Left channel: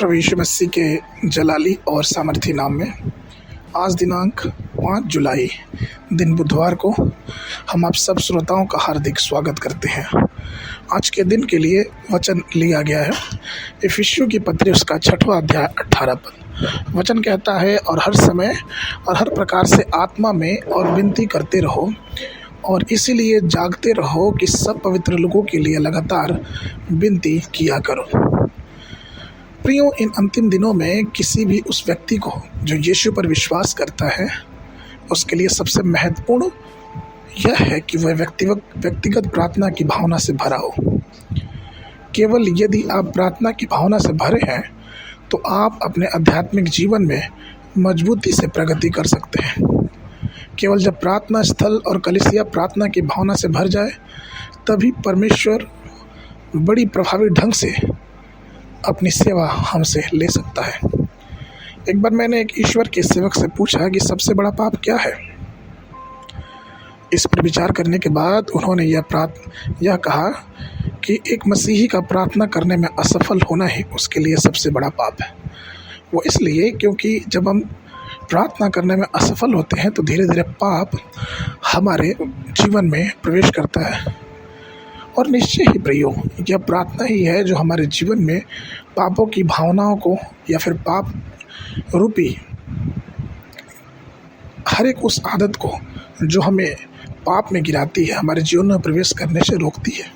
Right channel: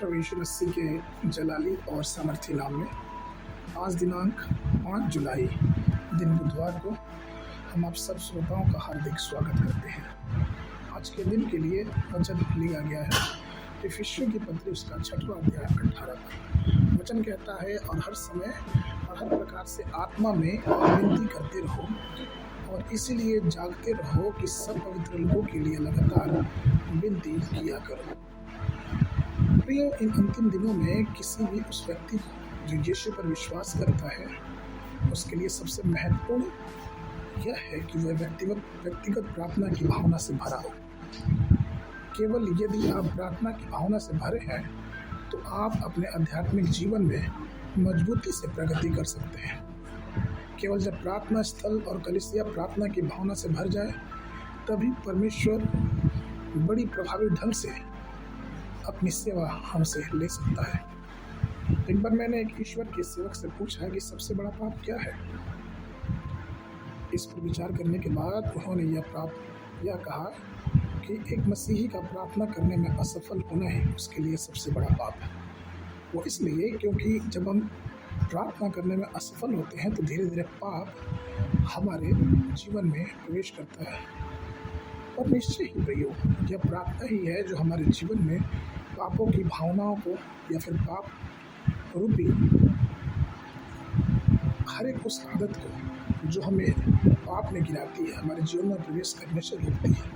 प्रभु यीशु मसीह के जलाली और सामर्थी नाम में आज दिनांक 5 जुलाई दिन बुधवार को हम आप सब श्रोताओं का हार्दिक स्वागत करते हैं। आज के दिन के लिए वचन लिया गया है इफिसियों की पत्री उसका 6वां अध्याय 18 पद। वचन कहता है, और हर समय और हर प्रकार से आत्मा में और विनती करते रहो और इसीलिए जागते रहो कि सब पवित्र लोगों के लिए लगातार विनती किया करो। प्रियो, इन अंतिम दिनों में किसी भी उस व्यक्ति को जो यीशु पर विश्वास करता है, उसके लिए सबसे महत्वपूर्ण यह है कि वह व्यक्तिगत प्रार्थना की भावना से भरा हो। केवल यदि आप प्रार्थना की भावना से भरे हैं तो आप अपने आध्यात्मिक जीवन में मजबूती से प्रगति कर सकते हैं। केवल जब प्रार्थना स्थल और कलीसिया प्रार्थना की भावना से भर जाए, तभी परमेश्वर बड़ी प्रभावी ढंग से अपनी सेवा हमसे ले सकता है। एक बार मैंने एक ईश्वर के सेवक से पूछा कि सबसे बड़ा पाप क्या है। इस पर विचार करने के बाद उन्होंने यह कहा कि एक मसीही का प्रार्थना करने में असफल होना ही उसके लिए सबसे बड़ा पाप है। वो इसलिए क्योंकि जब हम प्रार्थना करने में असफल होते हैं तो धीरे धीरे पाप हमारे जीवन में प्रवेश करता है। और निश्चय ही प्रियो, यह प्रार्थना ही है जो हमारे जीवन में पापों की भावनाओं को या फिर पाप रूपी हर एक उस आदत को जो हमें पाप में गिराती है, हमारे जीवन में प्रवेश करने से रोकती है।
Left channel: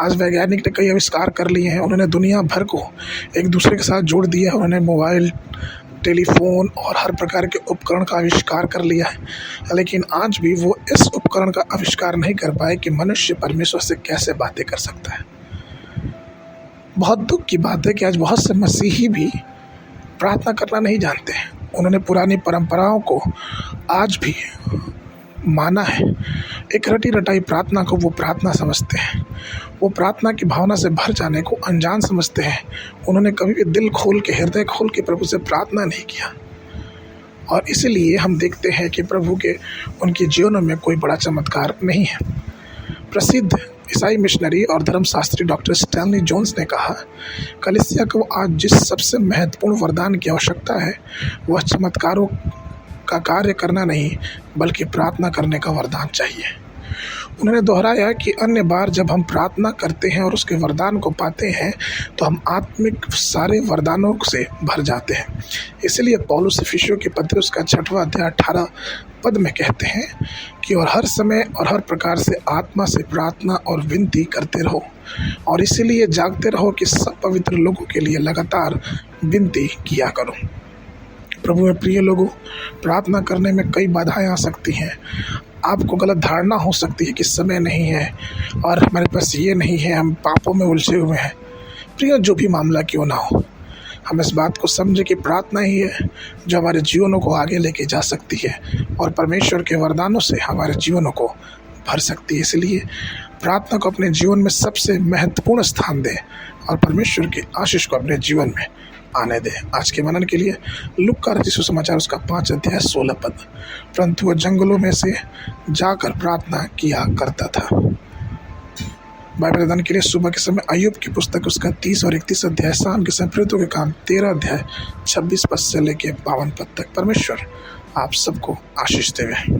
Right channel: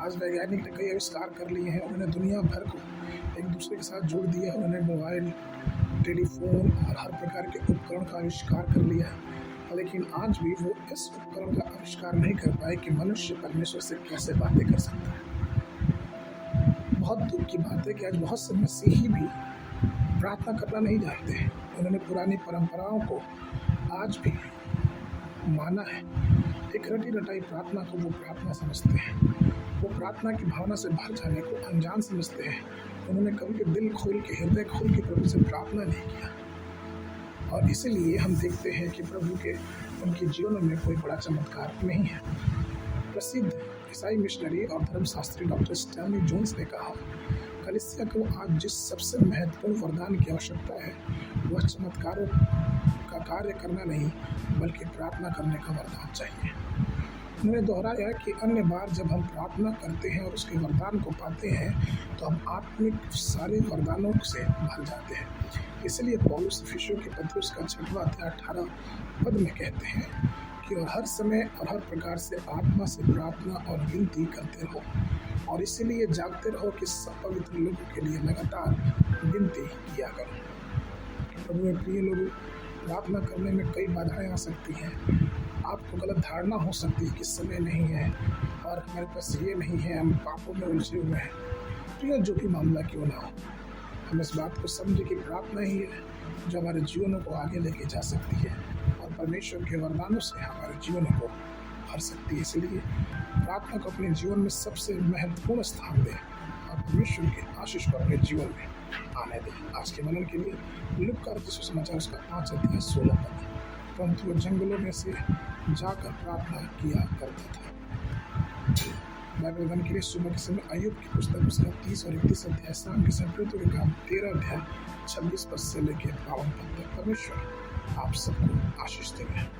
आज वैज्ञानिक ने कई आविष्कार कर लिए हैं। उन्होंने दुनिया भर को एक दूसरे के साथ जोड़ दिया है। उन्होंने मोबाइल, टेलीफोन और हर प्रकार के उपकरण का आविष्कार कर लिया है, लेकिन आज भी वो इस उपकरण का आविष्कार नहीं कर पाए कि मनुष्य परमेश्वर से कैसे बातें कर सकता है। बहुत दुख की बात है कि आज बहुत से मसीही भी प्रार्थना करना नहीं जानते हैं। उन्होंने पुरानी परंपराओं को आज भी माना है। एक रटी रटाई प्रार्थना को वो प्रार्थना समझते हैं। वो प्रार्थना की भावना से भर जाने को अनजान समझते हैं। उन्होंने कभी भी दिल खोल के, हृदय खोल के प्रभु से प्रार्थना नहीं किया, और इसीलिए हम देखते हैं कि प्रभु के उनके जीवन में कोई बड़ा चमत्कार नहीं है। प्रसिद्ध ईसाई मिशनरी और धर्मशास्त्री डॉक्टर स्टैनली जोन्स ने कहा, कलीसिया को आज जिस सबसे महत्वपूर्ण वरदान की आवश्यकता है वह चमत्कारों का कार्य करना नहीं बल्कि प्रार्थना करने का वरदान चाहिए। उन्होंने दोहराया कि अन्य बार जब हम प्रार्थना करते हैं और उसके वरदान को पाते हैं तो हम आत्मिक सारे वरदानों से भर जाते हैं। इसलिए पौलुस इफिसियों की पत्री उसका 6वां अध्याय 18 पद में कहते हैं कि और हर समय और हर प्रकार से आत्मा से प्रार्थना और विनती करते रहो और इसीलिए जागते रहो कि सब पवित्र लोगों के लिए लगातार विनती किया करो। प्रभु में प्रिय लोगों, प्रार्थना करने में कई बाधाएं आ सकती हैं। आपको गलत धारणा हो सकती है कि समय नहीं है और हमारे पास ये नहीं है, हम पापों में उलझे हुए हैं। प्रिय, जो भी मामला क्यों ना हो, हम इस बात को समझे कि प्रार्थना ही है जो हमारे जीवनों को आगे लेके जा सकती है और परमेश्वर के वरदानों से हमारे जीवनों को भर सकती है। इसलिए प्रार्थना को अपने जीवन में सबसे महत्वपूर्ण स्थान दें और परमेश्वर की आशीष को अपने जीवन में आने दें। आज के मनन के लिए लूका रचित सुसमाचार उसका 5 अध्याय 16 पद। परंतु वह जंगलों में से जाकर प्रार्थना किया करता था। बाइबल अध्ययन के लिए सुबह के समय अय्यूब की पुस्तक उसका 30 और 31 अध्याय, शाम के समय प्रेरितों के काम 13 अध्याय 26 पद से लेके 52 पद तक। परमेश्वर आप सबको आशीष देवे।